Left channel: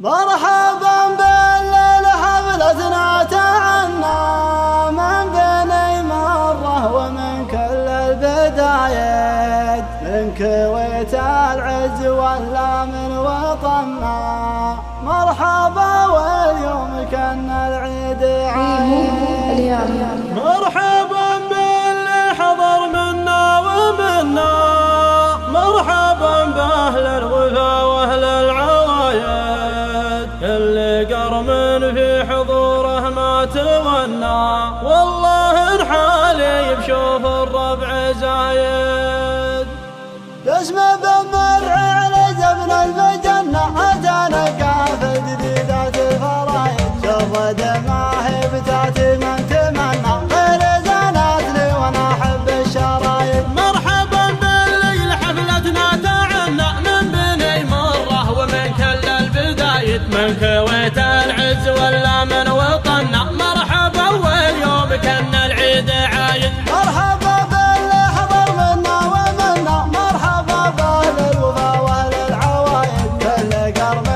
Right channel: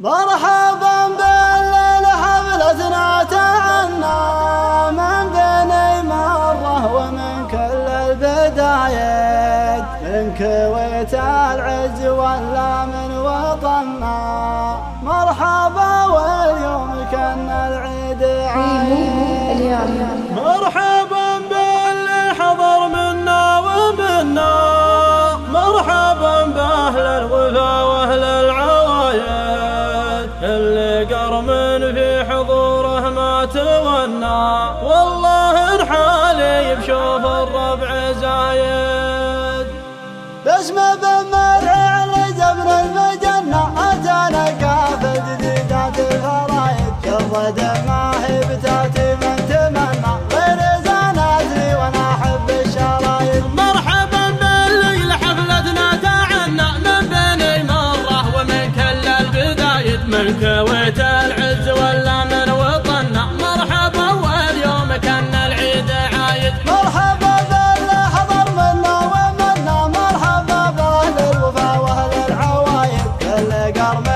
مرحبا بالليل حفلتنا تهنى من بني مرة ومن كل البدايات، من كويت العز ولا من وطننا. مرحبا واليوم كان العيد عايد. مرحبا باللي حضر منا ومنا، مرحبا بأهل الوفا وأهل العوايد، اللي قرم في حضوره ما تونى، والله انحالي بشوف الربع زايد. باسم بمرح على زبن المجنة أتانا كافة جديدات الفرايد، شوف دماهي بذات من تمنى غير زانات لي وانا احب الشرايد. مرحبا بالليل حفلتنا تعنى من بني مرة ومن كل البدايد، من كويت العز ولا من وطننا. مرحبا واليوم كان العيد عايد. مرحبا باللي حضر منا ومنا، مرحبا بأهل الوفا وأهل العوايد، كل قرم